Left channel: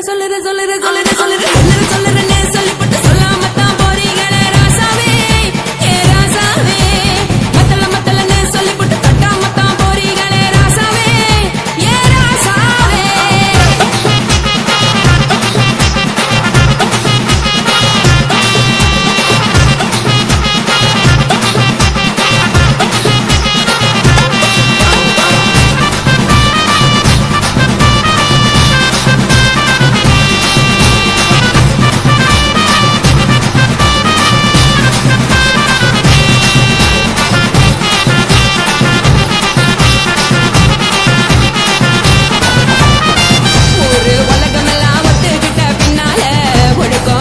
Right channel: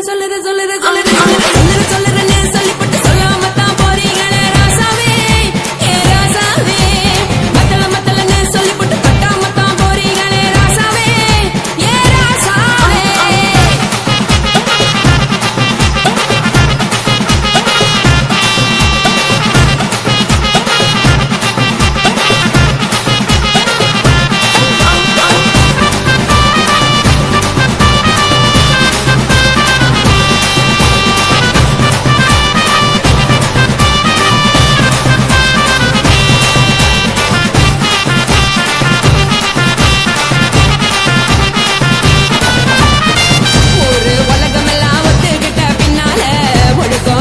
சொல்லுறேன்னு சொல்லிப்பட்டு சொல்லாமத்தான் போறீங்களே ராசாவே ஏ ராசாவே மத்தலன்னு சொல்லிப்பட்டு கட்டாமத்தான் போறீங்களே ராசாவே ஏ ராசாவே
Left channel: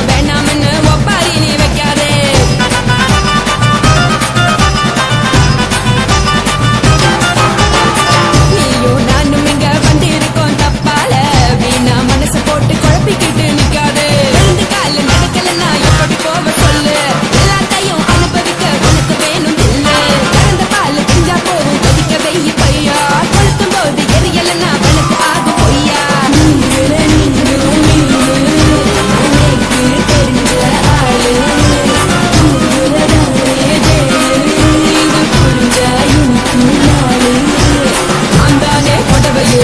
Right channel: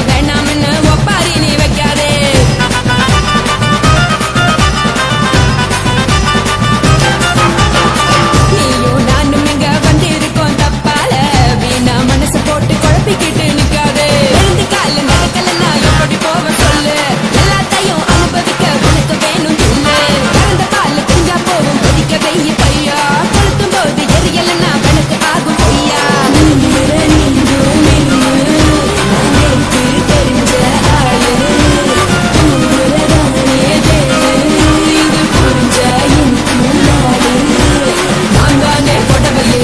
வேணாம்னு ஒப்பாரி நீ வைக்காதே நீயும் நானும் இங்க வந்திருக்கோம் தப்பால வீணா மனச போட்டு குழப்பிக்கிட்டு நிக்காதே எழுந்து கால நடக்கலன்னா எப்படி போவ சொல்லு எல்லாத்தையும் அனுபவிக்க உனக்கு வேணும் தில்லு கறந்த பால் தெரிஞ்சா போகும் கொதிக்க வெய்ய பையா கொளுத்தும் போது எரியலன்னா வழக்கு ஆகும் பொய்யா தெரிஞ்ச ஆளு இது புரிஞ்ச எனக்கு நாளு நான் தானே கொடவையே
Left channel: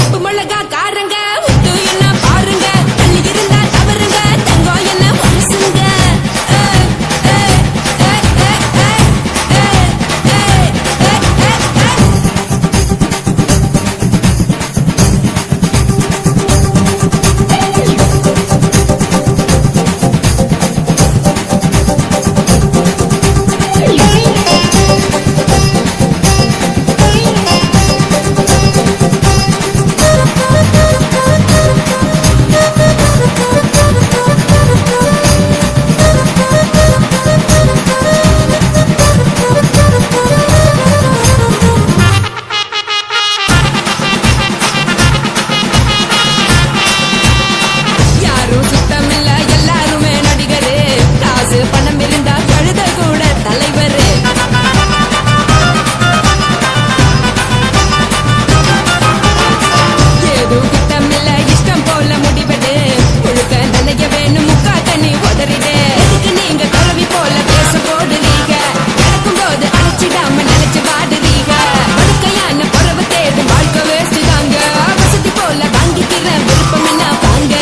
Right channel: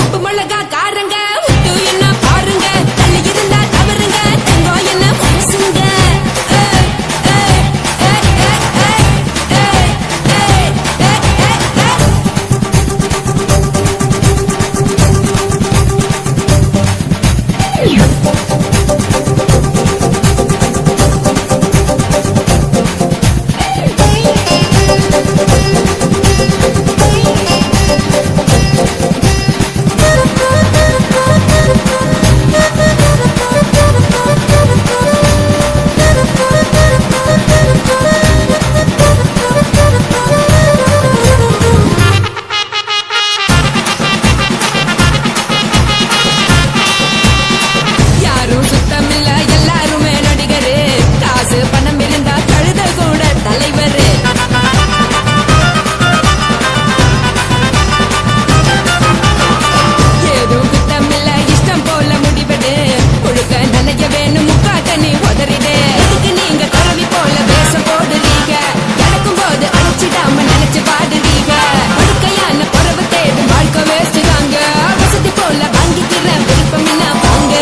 உப்பு மிளகா காரங்க முத்து என்ன பாருங்க தள்ளி இருந்தா தவறுங்க தங்கம் என்ன மனசுங்க சுத்தமில்ல எல்லாருமே நடிகரு காசு பணம் இருந்தா கழுத கூட தலைவர் ஏதும் குத்தமில்ல இஷ்டம் போல முடிவெடு முழுக்க நினைக்க வேணும் முக்கா தண்ணி உதறிடு எதுக்கு நீங்க கரவி போல வேஷம் போடுறீங்க கிடக்கும் போது அழைச்சிடாம நினைச்சு வாடுறீங்க படுக்கையான பொறவு தேடும் வாழ்க்கை வேஸ்ட் தாங்க வசதி போல வாங்கிக்கிற விருப்பம் என்ன வாங்க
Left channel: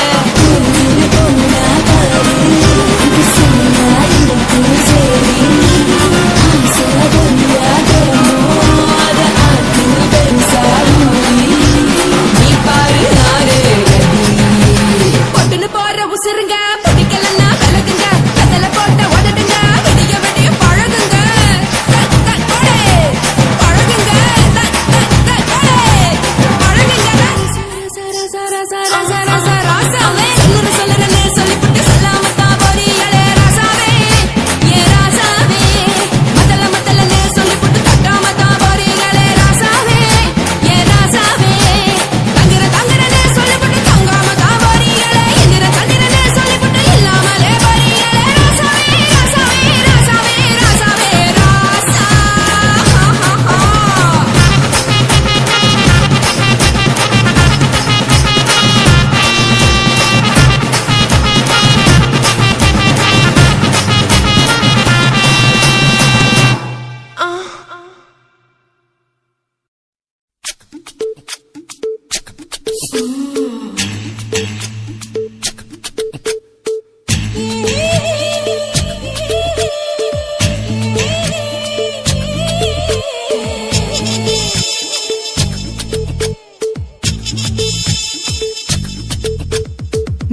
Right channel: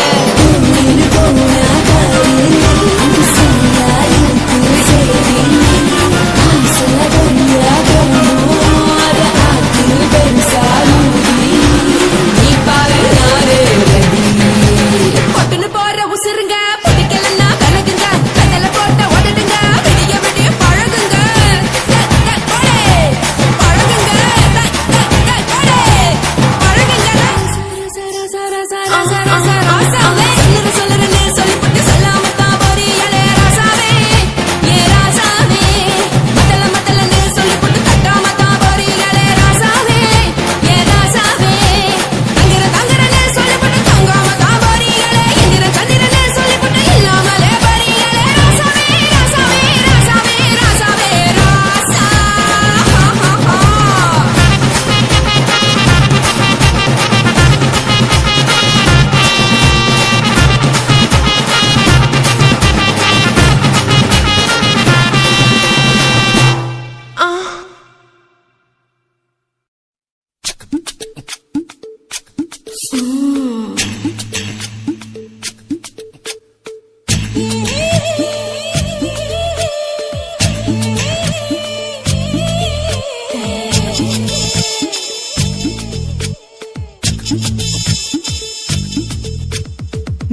நீ பாரு நானே ரெடி பொட்டுன்னு போற உசுருங்க பிடிக்கலன்னா விலகுங்க கதல போட்ட உதடுங்க விடிய விடிய பழகுங்க பழகுங்க பழகுங்க ராசாவே சொல்லுறேன்னு சொல்லிவிட்டு சொல்லாமத்தான் போறீங்களே ராசாவே ஏ ராசாவே மத்தலன்னு சொல்லிவிட்டு தட்டாமத்தான் போறீங்களே ராசாவே ஏ ராசாவே தங்குறேன்னு சொல்லிவிட்டு தங்காமத்தான் போறீங்களே இந்திர சந்திரன்னு சொல்லிவிட்டு இல்லாமலே போறீங்களே ராசாவே ராசாவே ராசாவே ராசாவே ராசா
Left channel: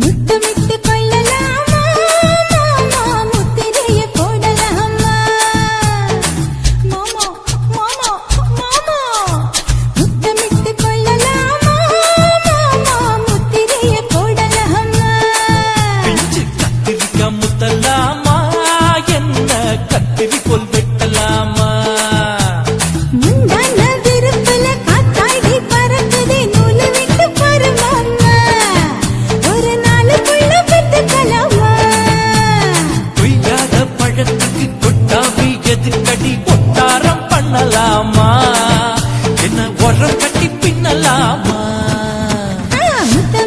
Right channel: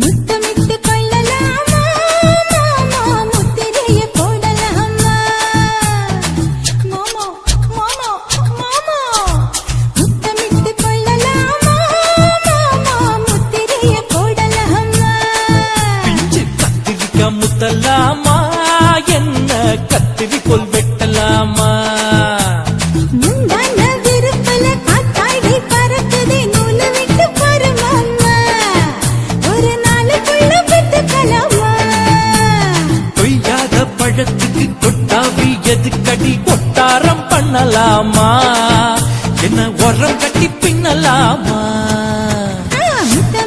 முத்தமிட்டு கொள்ளலாமா மாமா முத்திரைய போடலாமா மாமா மாமா மாமா முத்தமிட்டு கொள்ளலாமா மாமா முத்திரைய போடலாமா பிஞ்சு கத்திரிக்கா முத்தலாமா என்ன கத்திரிக்கோல் வெட்டலாமா முந்தான விருப்பல காத்தாடி பறக்குதே நூலு விட்டு பாரு மாமா ஒரு நாளுக்குள்ள பெத்துக்கலாமா கொய்யாத பழத்துக்கு கொட்டாவி எதுக்கடி கொட்டாரம் பண்ணலாமா என்ன உரம் கட்டி பின்னலாமா முத்த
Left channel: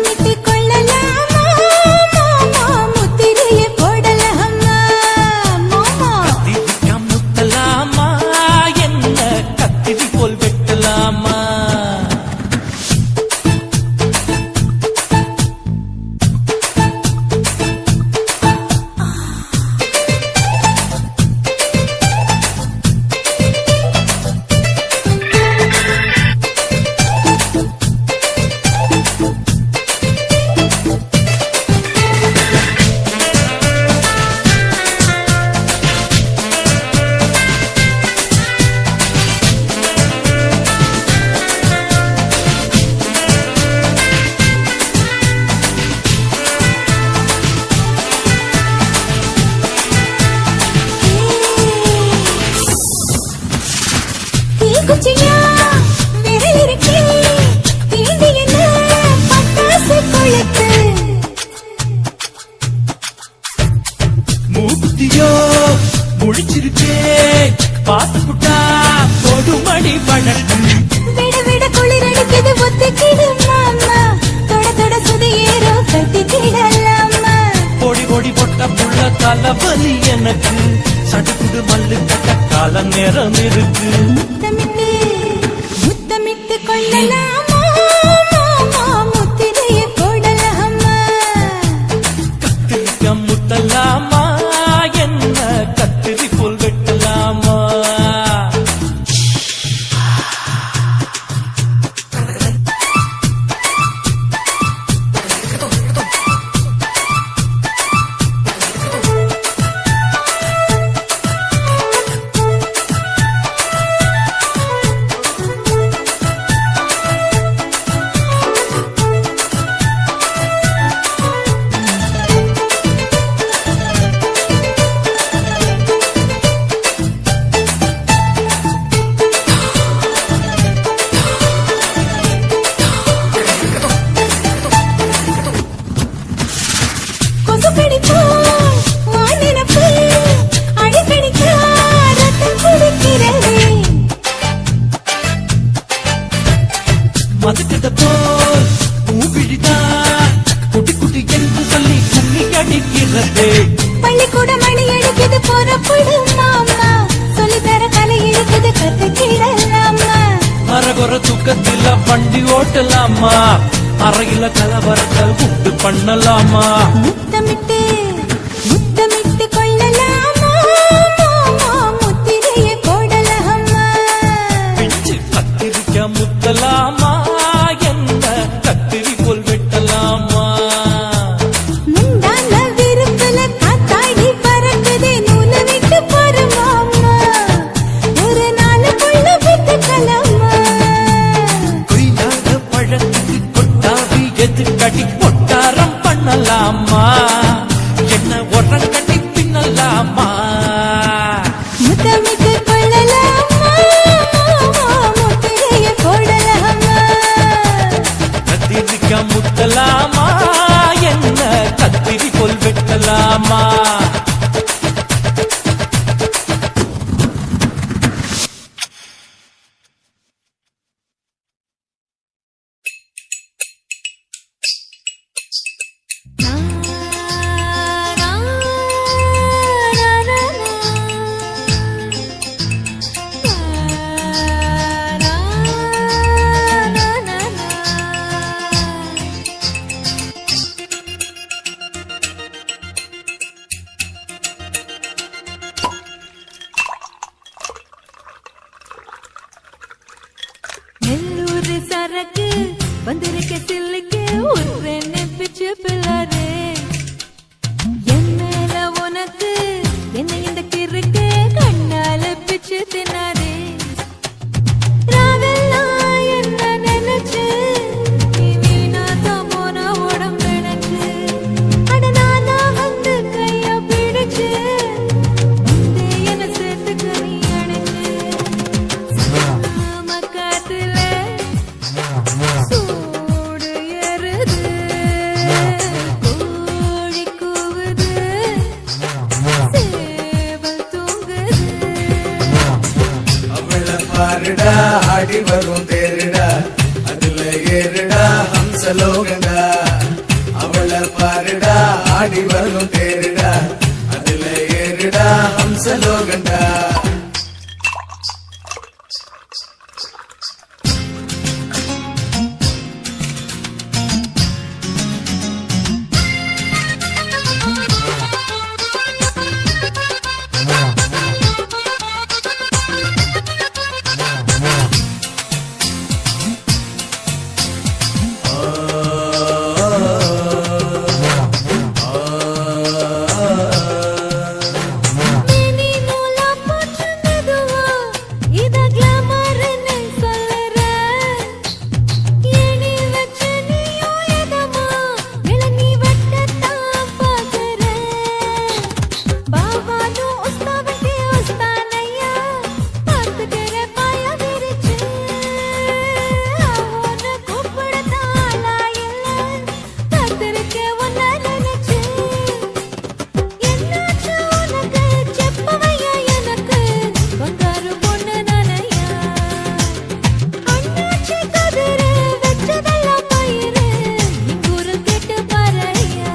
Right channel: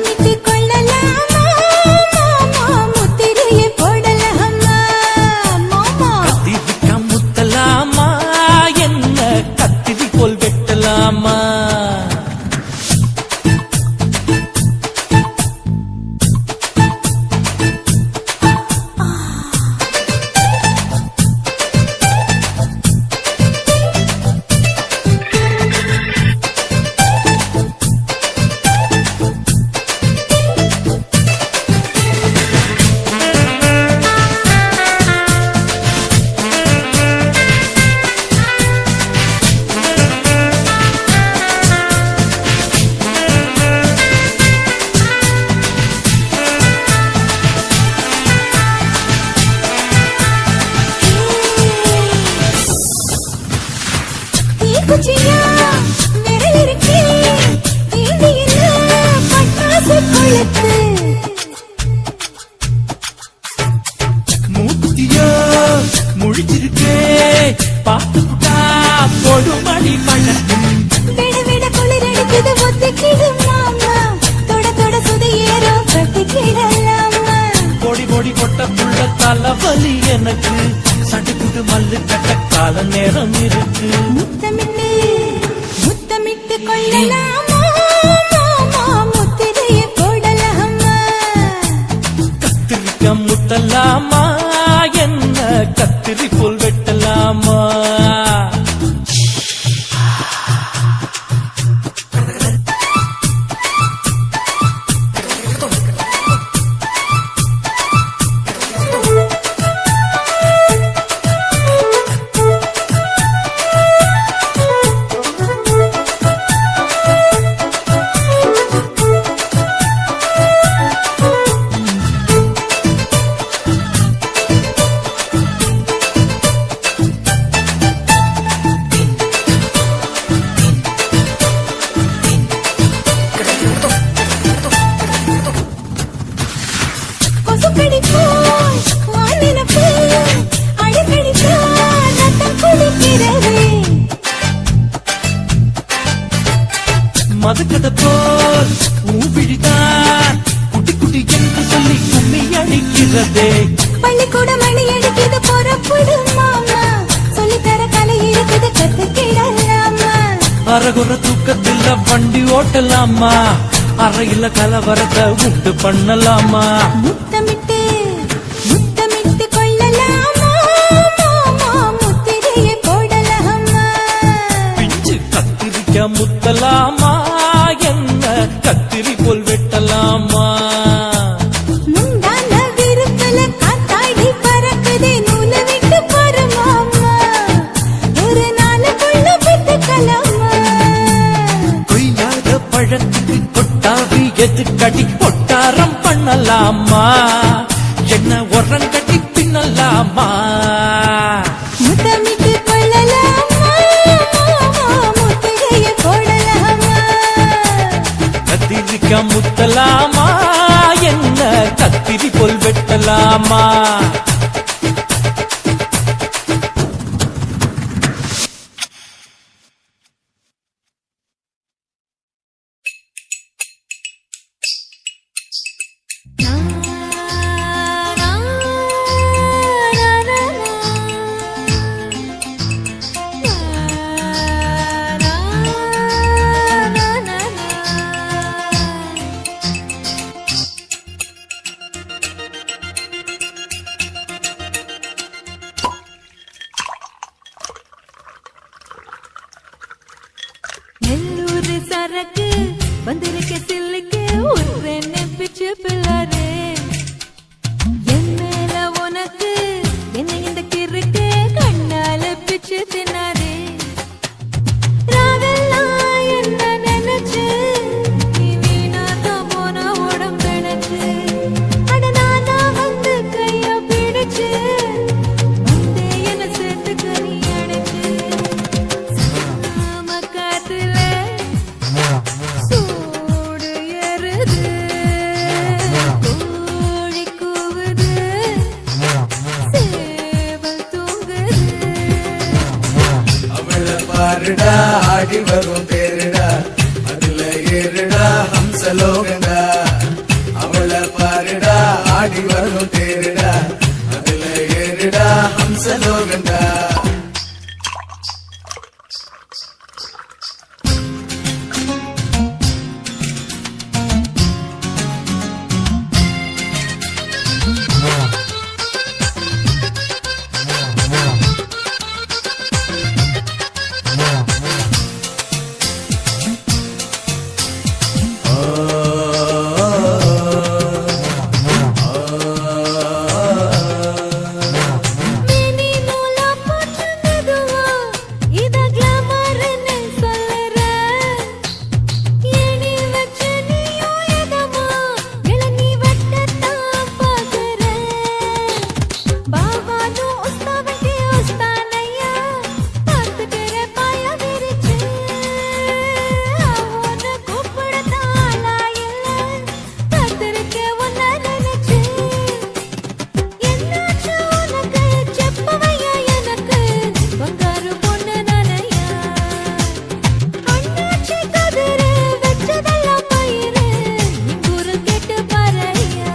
பண்ணலாமா அறையில கலவரத்தை உண்டு பண்ணலாமா முத்தமிட்டு முத்தமிட்டு கொள்ளலாமா மாமா முத்திரையை போடலாமா பிஞ்சு கத்திரிக்க முத்தலாமா என்ன கத்திரி போல் வெட்டலாமா முந்தான விருப்பல காத்தாடி பறக்குதே நூலை விட்டு பரமாமா ஒரு நாளுக்குள்ள வித்துக்கலாமா கொய்யாத பழத்துக்கு கொட்டாவி எதுக்கடி ஒட்டாரம் பண்ணலாமா என்ன உரம் கட்டி பின்னலாமா முத்தமிட்டு கொள்ளலாமா மாமா முத்திரையை போடலாமா கத்திரிக்க முத்தலாமா என்ன கத்திரி போல் வெட்டலாமா நெல்லூர் சரக்கு வந்திருக்க சில்லுக்கு ஒரு நெப்பிச்சு பிள்ளாரே என் மேல உனக்கு என்ன இந்த கிறுக்கு கண்ணால பிச்சு தின்னாதே ராவெல்லாம் என்ன நினைச்சு நீ வீணாதான் போன உடம்பெனச்சு அட நானா வந்து கைய பிடிச்சு வந்தே என்ன சேர்த்துக்க நீ அடைச்சு மக்காத்துல சூடு ஏறுது கோழி கூவுது சேவல் தூங்குது அவளை பாருடா ஆடி வரும் தேருடா அதுல ஏறுடா ஹம்சலோகண்டா அவளை பாருடா ஆடி வரும் தேருடா அதுல ஏறுடா ஹம்சலோகண்டா மேனி நூலா போட்டு மெதுவா இத கிளாமர்னு சொல்லுற ஏணி வச்சு நீயும் எதமா இளநீ வெட்டத்தான் பார்க்குற பாபானும் உஸ்தாவன்கே உஸ்தானையா பார்த்துக்கிற பாய விரிச்சு அவனை கூப்பிடத்தான் ஆளா இல்ல காத்திருக்க உன்னை நினைச்சு என்னாச்சு உனக்கு செப்பவையா எனக்கு பங்காரு பொண்ணு நானையா அண்ணாச்சி கதிரு வச்சதெல்லாம் பயிரு இங்கூரு கேட்டு பாறையா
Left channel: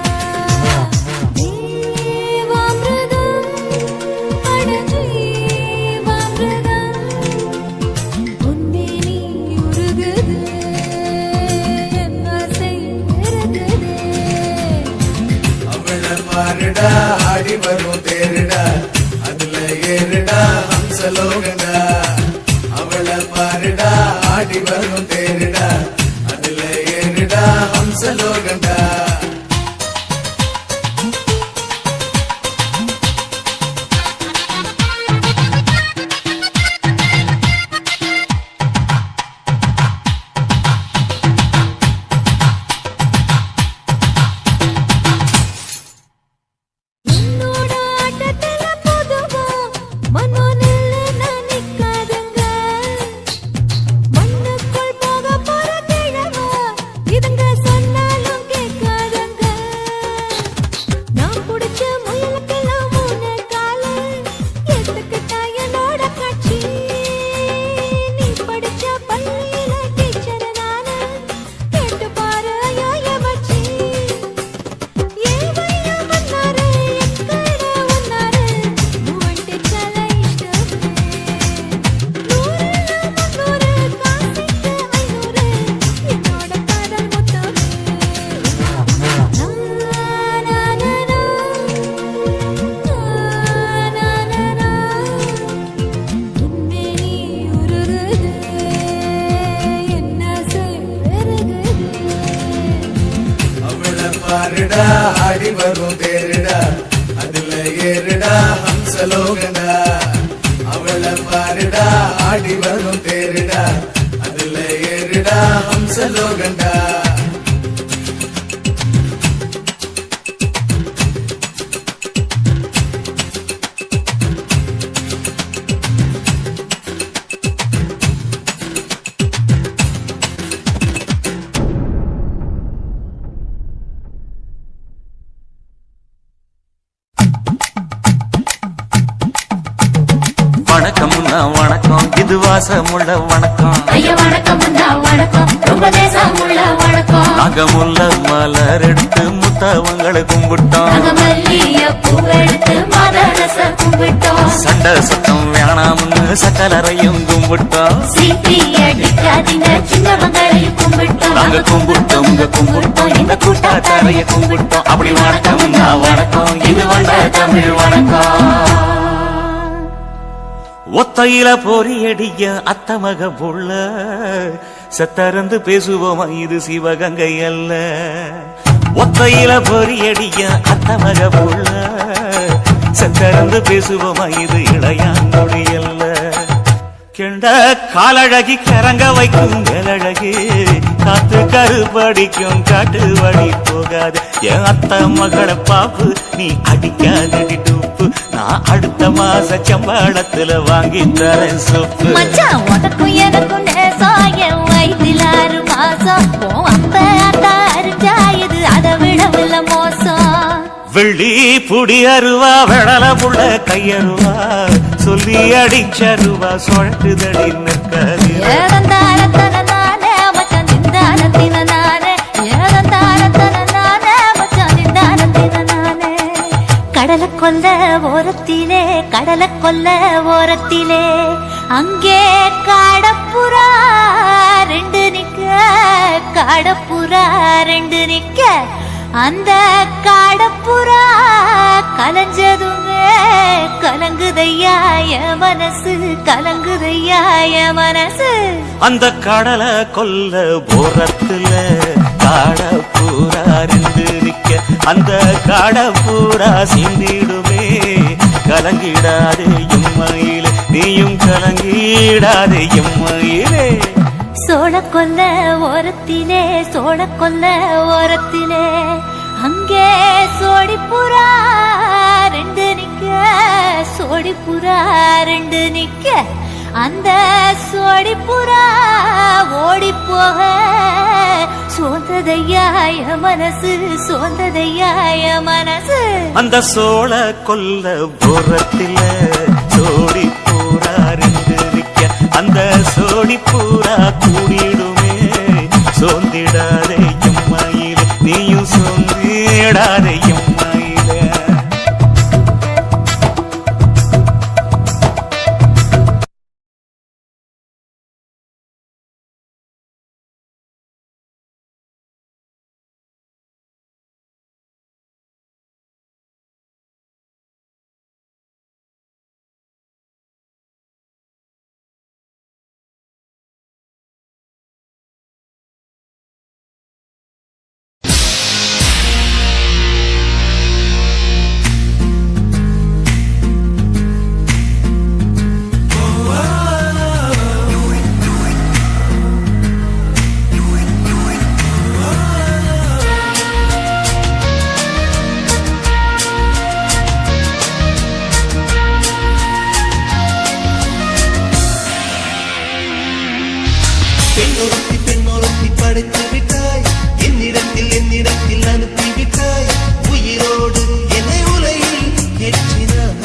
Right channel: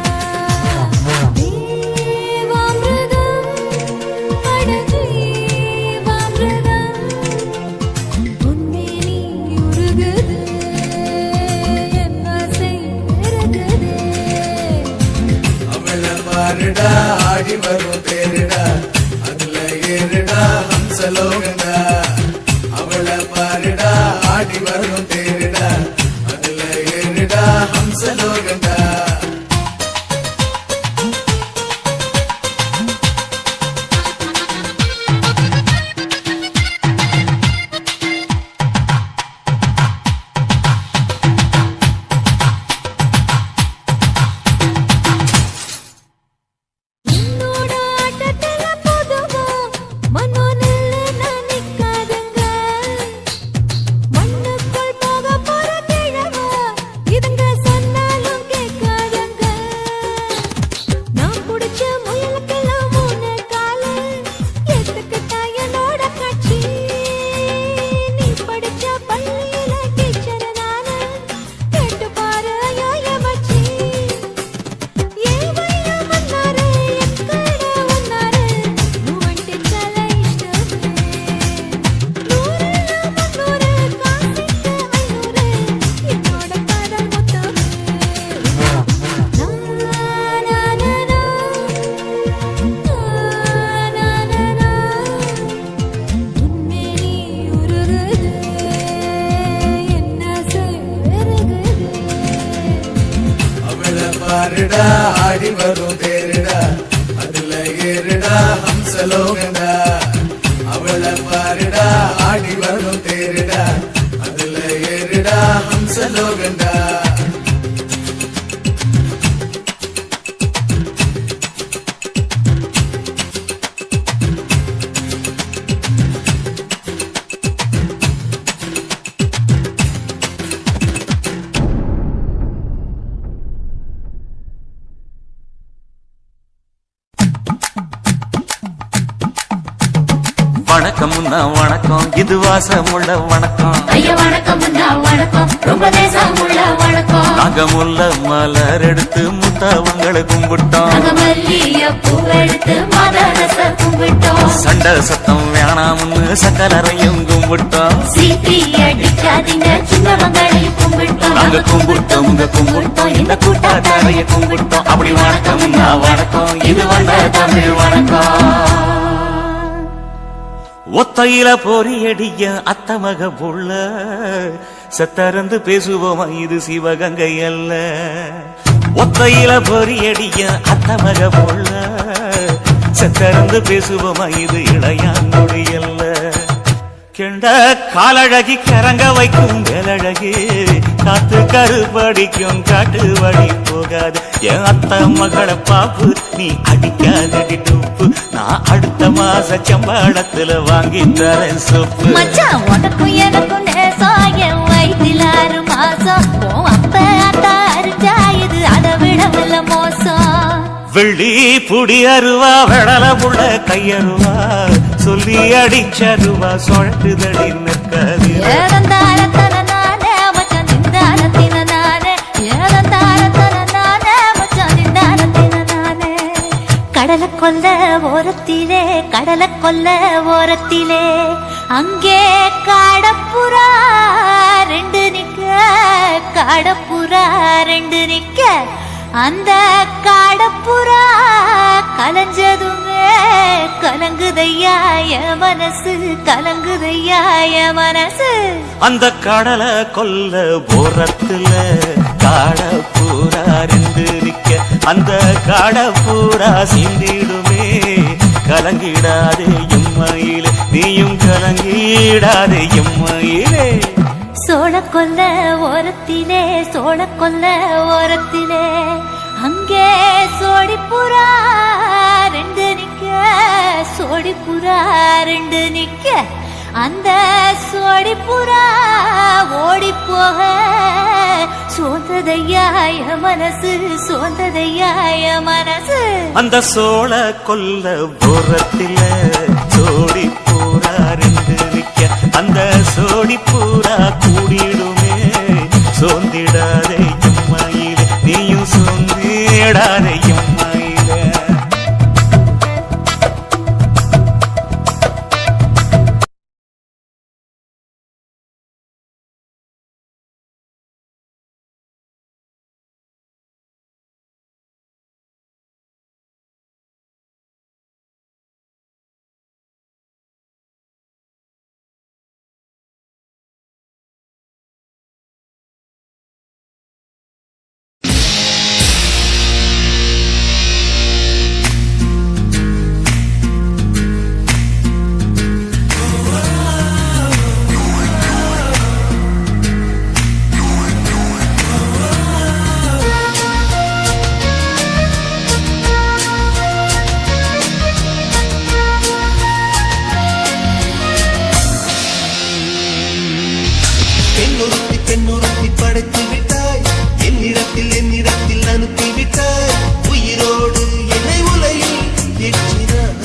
தேவாமிர்தம் அட ஜீவாமிர்தம் பொன்னே நீ உருகுது என் ஆசை பெருகுது அவளை பாருடா ஆடி வரும் தேருடா அதுல ஏறுடா ஹம்சலோகண்டா அவளை பாருடா ஆடி வரும் தேருடா அதுல ஏறுடா ஹம்சலோகண்டா என்னோட ஆட்டத்துல பொதுவா மனோ நில்லு நான் நிக்காதுங்க மண்ணுக்குள் போக போற கிழவா இதுங்க சொன்னாலும் கேட்க பாருடா ஆடி வரும் தேருடா அதுல ஏறுடா ஹம்சலோகண்டா அவளை பாருடா ஆடி வரும் தேருடா அதுல ஏறுடா ஹம்சலோகண்டா வணக்கம் வணக்கம் இது வாசமுள்ள வணக்கம் ஐயா வணக்கம் வணக்கம் ரொம்ப தேசமுள்ள வணக்கம் நாங்க முல்ல மலர் எடுத்து முத்தவங்களை கும்பிட்டோம் நாங்க மல்லிய பூவெடுத்து மதரச கும்பிட்டோம் சண்டை சத்தம் வேணாம்னு சக்கலரையும் கும்பிட்டோம் சீட்டி அடிக்காதீங்க சின்னவங்களையும் கும்பிட்டோம் நாங்க கும்பிட்டோம் கும்பிட்டோம் இந்த கூட்டாத்தாரைய கும்பிட்டோம் அப்படி வணக்கம் வணக்கம் இது வந்த தமிழ் வணக்கம் ஒத்தையில பொறியடிய அத்தமக புள்ள சத்தறந்து பேசுவோமா இது சிவகங்கை அல்ல ஒத்தையில பொறியடிய அத்தமக புள்ள சத்தறந்து பேசுவோமா இது இளையாங்கொடி அல்ல கெண்ட காலழகி கிறங்க வைக்கும் வேலழகி காத்து கருப்படிக்கும் காட்டு வழி போகாது என் அத்த மகளை பாப்பு நீ அடிக்காதடி டூப்பு நான் அடுத்த மாச சம்பளத்துல வாங்கி தரேன் சொப்பு மச்சான் உனக்கும் எனக்கும் நேசம் என் வயதில் 6 மாசம் உன் அப்ப அத்தா அறிஞ்சா இது அதை விடவில்ல மோசம் வெள்ளி புடி அருவா வெடல புள்ள கையருவா சொல்லி அடிச்சருவா சொழட்டுதடி நிற்காது ஏதந்தாரத்தன நானே மச்சான் நிந்தானத்தின நானே ஏதந்தாரத்தன நானே மச்சான் நிந்தானத்தின நானே கடலை கொல்ல ஓரத்திலே அங்கே காடப்புறா ரெண்டு நிக்க அந்த காடப்புறா கலஞ்சதுமே கலங்குதையாய மனசு அந்த கடலை கொல்ல போரத்துல காடப்பூரா ரெண்டு நிக்க அந்த காடப்பூரா சிந்திடுமே கலங்கிடாதே எம்மையிலே நீயும் கலங்கிடாதே எம்மையிலே சோழக்கொல்ல ஓரத்திலே அங்கே சோடிப்புறா ரெண்டு நிக்க அந்த சோடிப்புறா ஓடி போக சோந்ததையாய மனசு அந்த சோழ கொல்ல போரத்தில சோடி பூரா ரெண்டு நிக்க அந்த சோடி பூரா கூடிடுமே சோந்திடாதே எம்மையிலே நீயும் சோந்திடாதே எம்மையிலே பெண்ணொருத்தி படைத்து விட்டாய் என்னிடத்தில் அனுப்பி விட்டாய் உயிரோடு என்னை உலையில் ஏற்றினாய்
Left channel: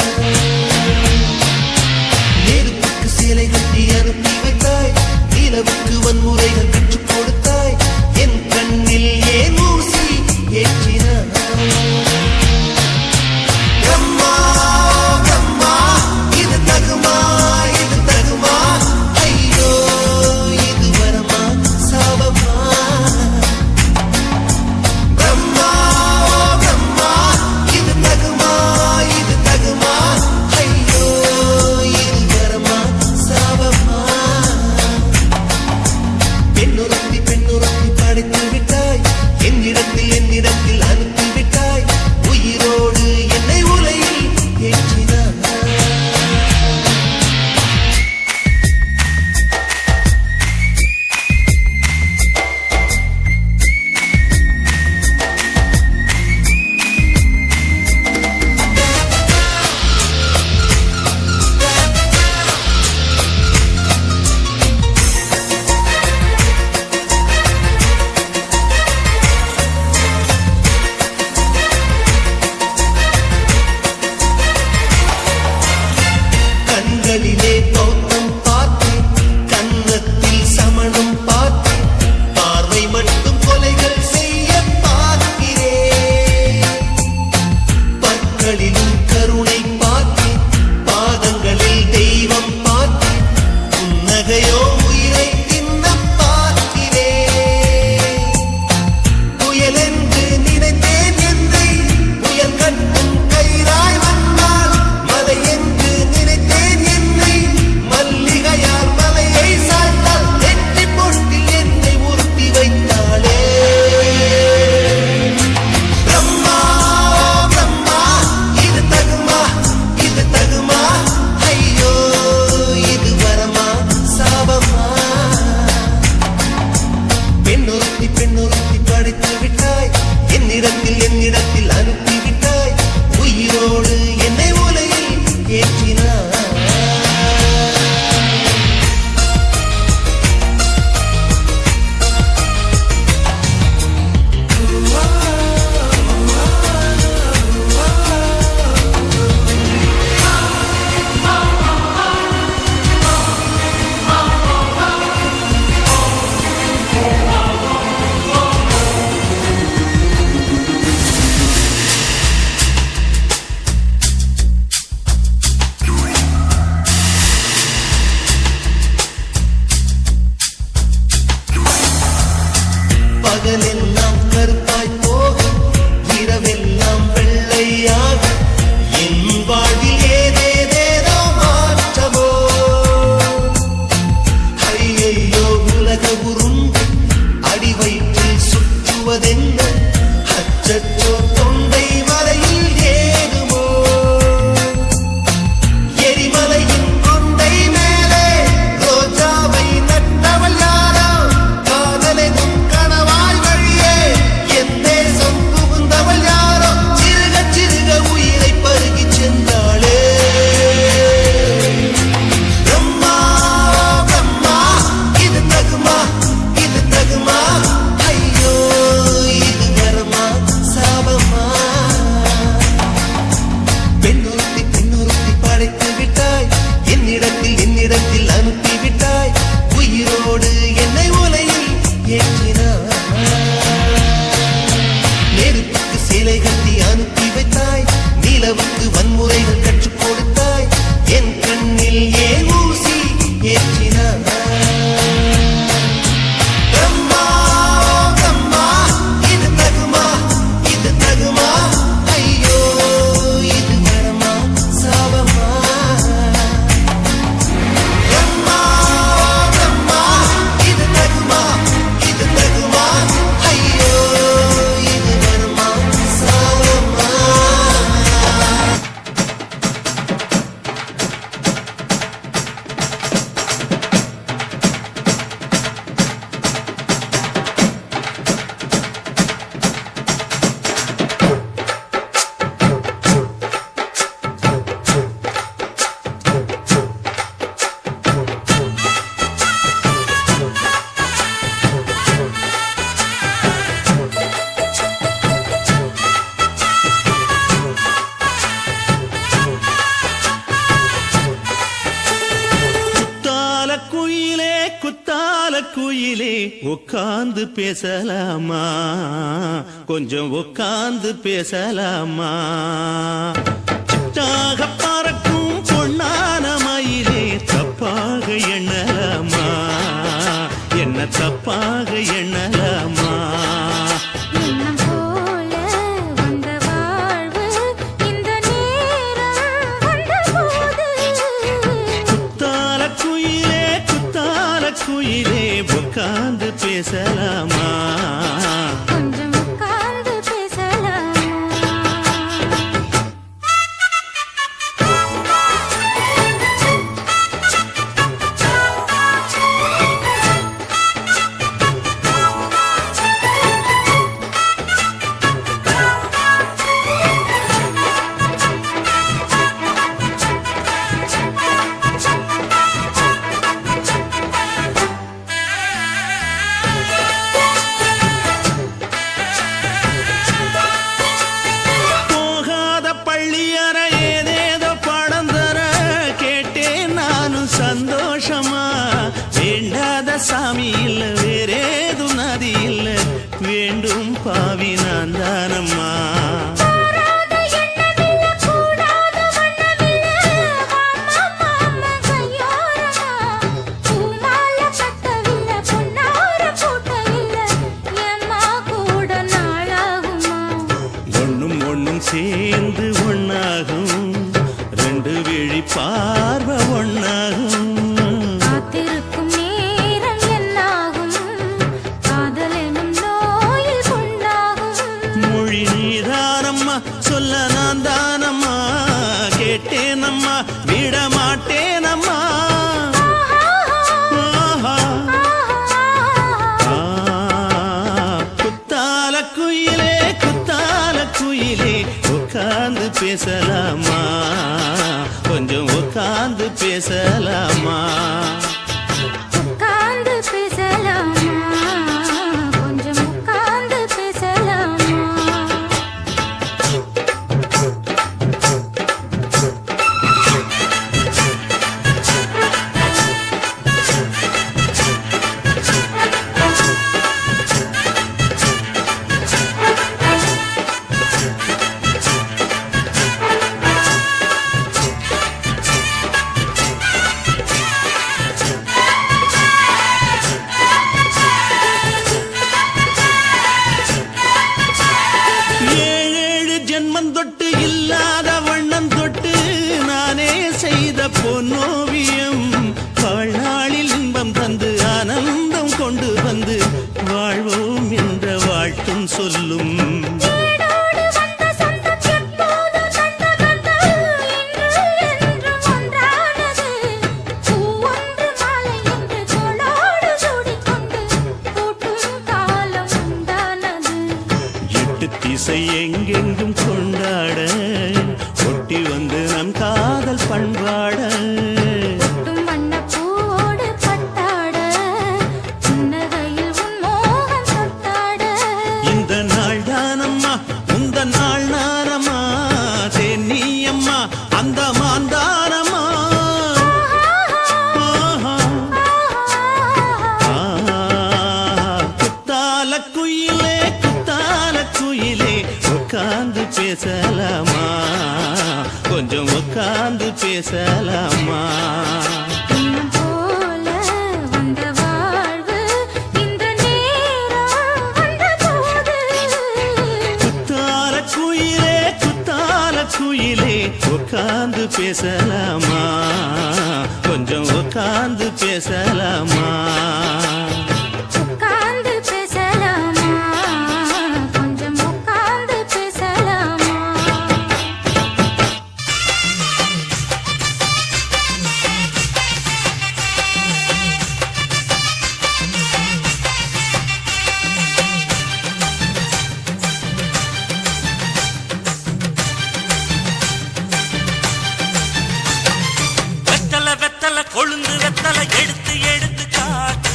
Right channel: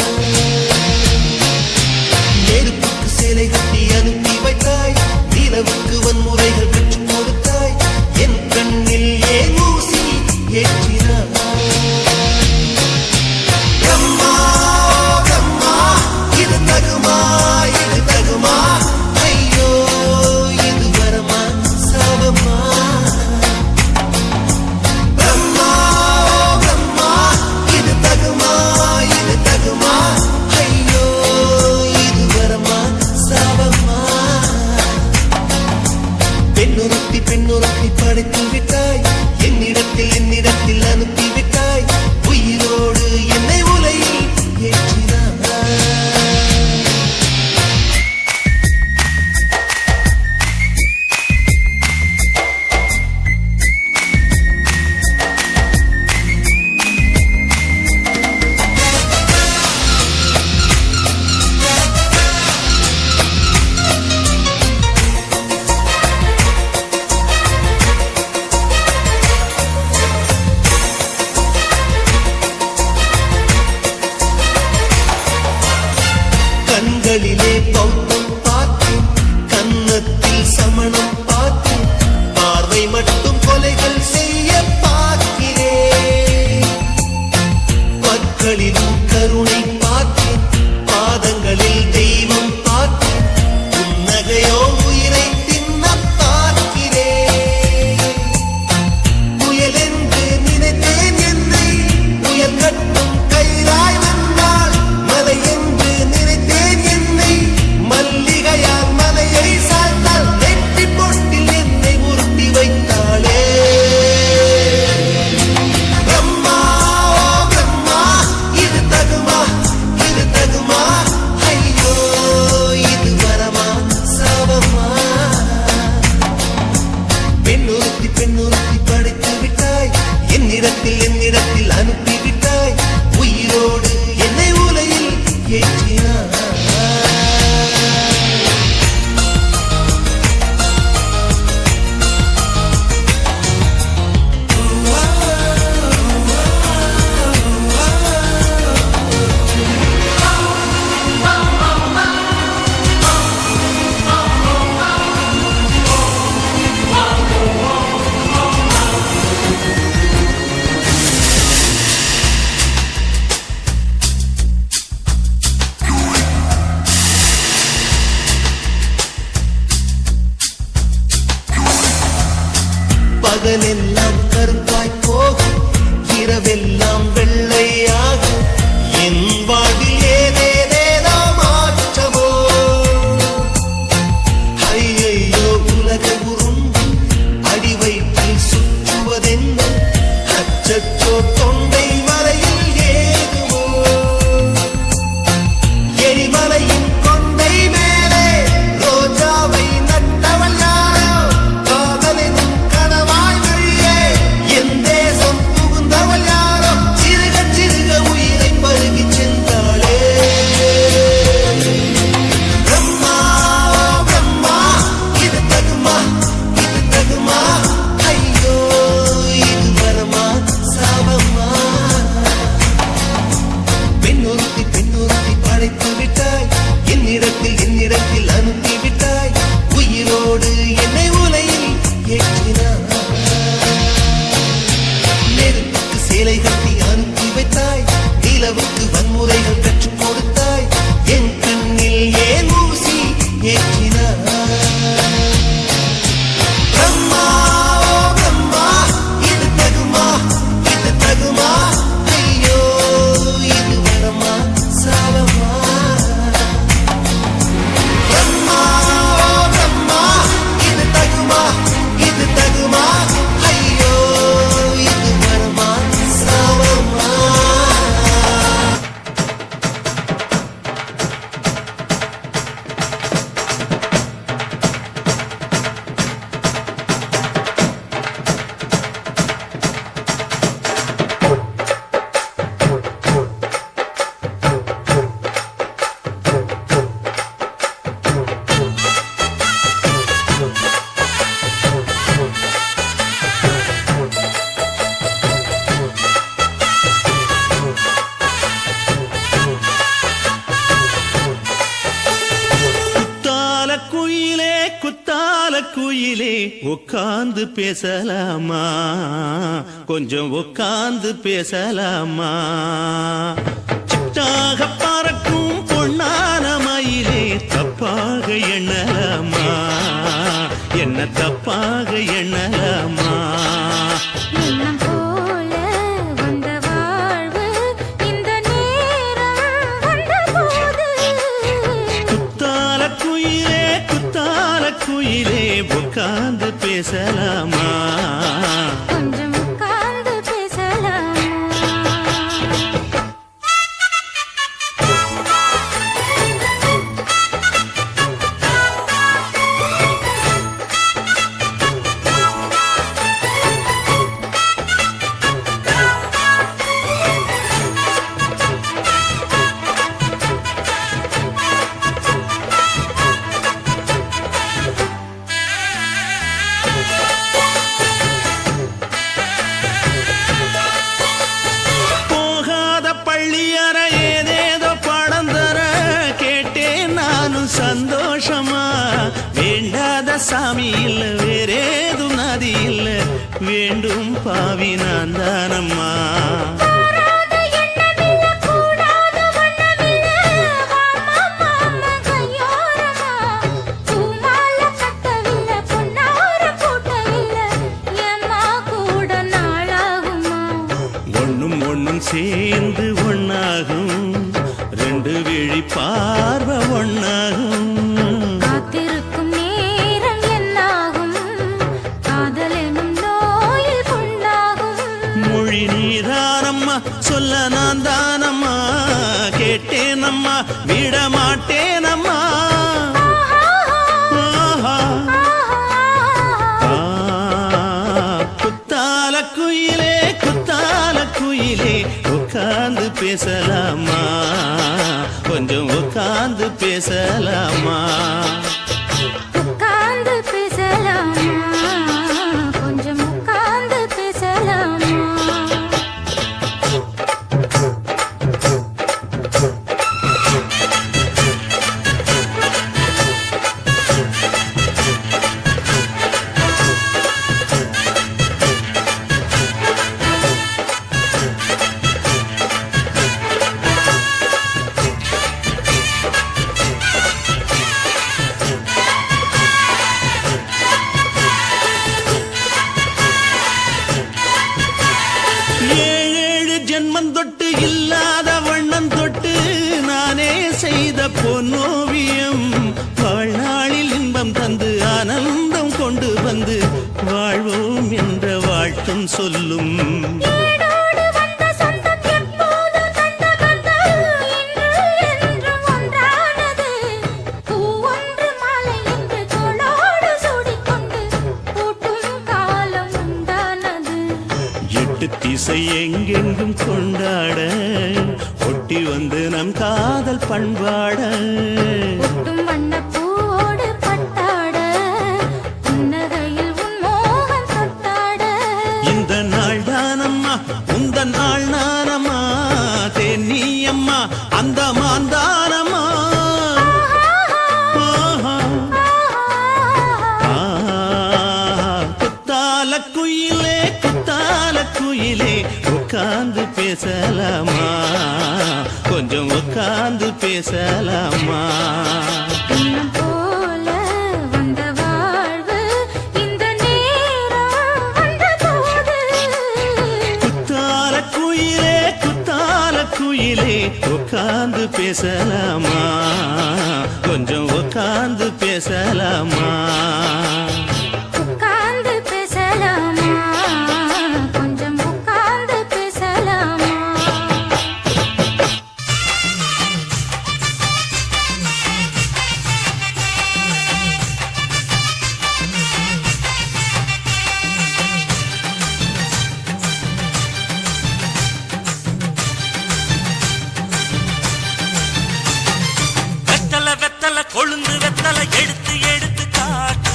நெருப்புக்கு சிலை கட்டி அனுப்பி வைத்தாய் நிலவுக்கு வன்முறைகள் பெற்றுக் கொடுத்தாய் என் கண்ணில் ஏன் ஊசி ஏற்றினாய் இது தகுமா ஐயோ இது வரமா சாபமா பிரம்மா இது தகுமா ஐயோ இது வரமா சாபமா பெண்ணொருத்தி படைத்து விட்டாய் என்னிடத்தில் என்னிடத்தில் அனுப்பிவிட்டாய் உயிரோடு என்னை உலகில் ஏற்றினாய் பகலெல்லாம் கருப்பாய் போகும் இரவெல்லாம் வெள்ளையாகும் என் வாழ்வில் ஏதேதேதோ மாற்றமோ ஐயையோ உலக உருண்டு அடி வயிற்றில் சுற்றுவதென்ன அச்சச்சோ தொண்டை மலையில் ஏதுமோ எரிமலையின் கொண்டை மேலே ரோஜாவை நட்டவள் யாரோ காதலெனும் கனவாய் வழியே என் தேசம் புகுந்தவள் யாரோ சிறுக சிறுக உயிரை பருகிச் சென்றாளே பிரம்மா பிரம்மா இது தகுமா ஐயோ இது வரமா சாபமா பெண்ணொருத்தி படைத்து விட்டாய் என்னிடத்தில் அனுப்பி விட்டாய் உயிரோடு என்னை உலையில் ஏற்றினாய் நெருப்புக்கு சேலை கட்டி அனுப்பி வைத்தாய் நிலவுக்கு வன்முறைகள் கற்றுக் கொடுத்தாய் என் கண்ணில் ஏன் ஊசி ஏற்றினாய் பிரம்மா பிரம்மா இது தகுமா ஐயோ இது வரமா சாபமா பிரம்மா பிரம்மா இது தகுமா ஐயோ இது வரமா சாபமா குத்தால குயிலே உட்கார்ந்து பேசலாமா கொஞ்சம் உட்கார்ந்து பேசலாமா சிட்டாக பறக்கும் பொன்னான மயிலே தப்பாக எண்ணலாமா என்ன தப்பாக எண்ணலாமா எண்ணம் போல வந்த வாழ்வு இந்த நேரம் வந்தபோது குத்தால குயிலே உட்கார்ந்து பேசலாமா கொஞ்சம் உட்கார்ந்து பேசலாமா போகாத பள்ளியற ஏதேதோ படம் தர கேட்டேன் நானும் சந்தோஷமா வேண்டாத சாமி இல்ல வேறேது நதி இல்ல வேண்டும் பாவி நான் தானம்மா கூடாத எண்ணமில்ல கூடாத வண்ணமில்ல மாமா மாமா கையோரமா பூமால கட்டவில்லை பொன்னார போட்டவில்லை ஏம்மா கூட நாளாகுமா ஒண்ணும் சேர்ந்து ஒண்ணாகும் ரெண்டு விழி பார்வை ஒண்ணாகும் காத்திருக்கும் நேரம் என்னாகும் காதல் எனும் நோயில் புண்ணாகும் மொழி நீதானம்மா சொல்ல நான் தானம்மா கேட்டேனம்மா விட மாட்டேனம்மா ஆஹா. ஆ, குத்தால குயிலே குத்தால குயிலே உட்கார்ந்து பேசலாமா கொஞ்சம் உட்கார்ந்து பேசலாமா உட்கார்ந்து பேசலாமா கொஞ்சம் உட்கார்ந்து பேசலாமா ஏழேழு ஜென்மம் தொட்டு இல்லாத வண்ணம் தொட்டு நானே செய்த பொன்னோவியம் வாழ்நாளில் இன்பம் தந்து ஆனந்தம் கொண்டு வந்து வாழ்வோம் என்ற வாழ்த்தும் சொல்லும் ஏடோடு வந்த சொந்தம் எப்போதும் தந்த பந்தம் இன்று என்றும் ஒன்றானது பூவொன்று மாலை என்று தோளோடு சூடிக்கொண்டு பூட்டும் காலம் உண்டானது எட்டு திசை எங்கெங்கும் கொண்டாட ஒட்டி வந்து நம் காதல் பண்பாட ஒட்டும் வண்ணப் பூவோடு பட்டாட புன்னகையில் உன் மோகம் தொட்டாட இந்த நாள் தானம்மா உந்த நாள் நானம்மா தேனி அம்மா அந்த மாந்தானம்மா ஆஹா. குத்தால குயிலே உட்கார்ந்து பேசலாமா கொஞ்சம் உட்கார்ந்து பேசலாமா இன்னும் போல வந்த வாழ்வு இந்த நேரம் வந்த போது குத்தால குயிலே உட்கார்ந்து பேசலாமா கொஞ்சம் உட்கார்ந்து பேசலாமா உட்கார்ந்து பேசலாமா கொஞ்சம் உட்கார்ந்து பேசலாமா வெத்தல கொழுந்து வெத்தல எடுத்து எடுத்து காட்டு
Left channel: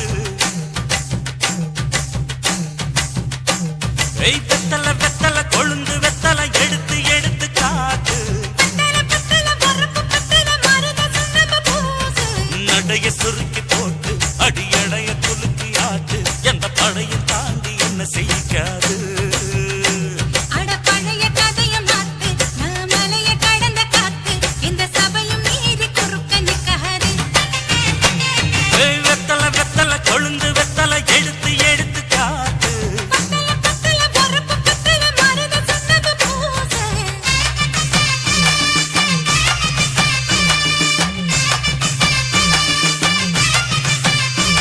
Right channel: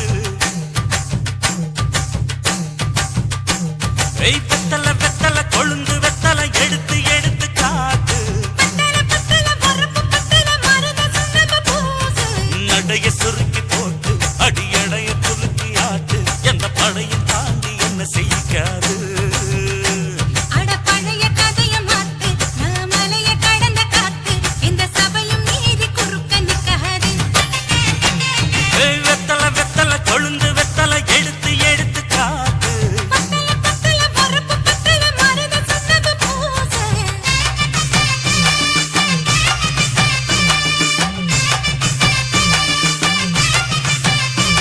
வெத்தல கொழுந்து வெத்தல எடுத்து எடுத்து காட்டு நடைய சுருக்கி போட்டு அடியடைய குலுக்கி ஆட்டு எந்த படையும் தாண்டி என்ன செய்யாது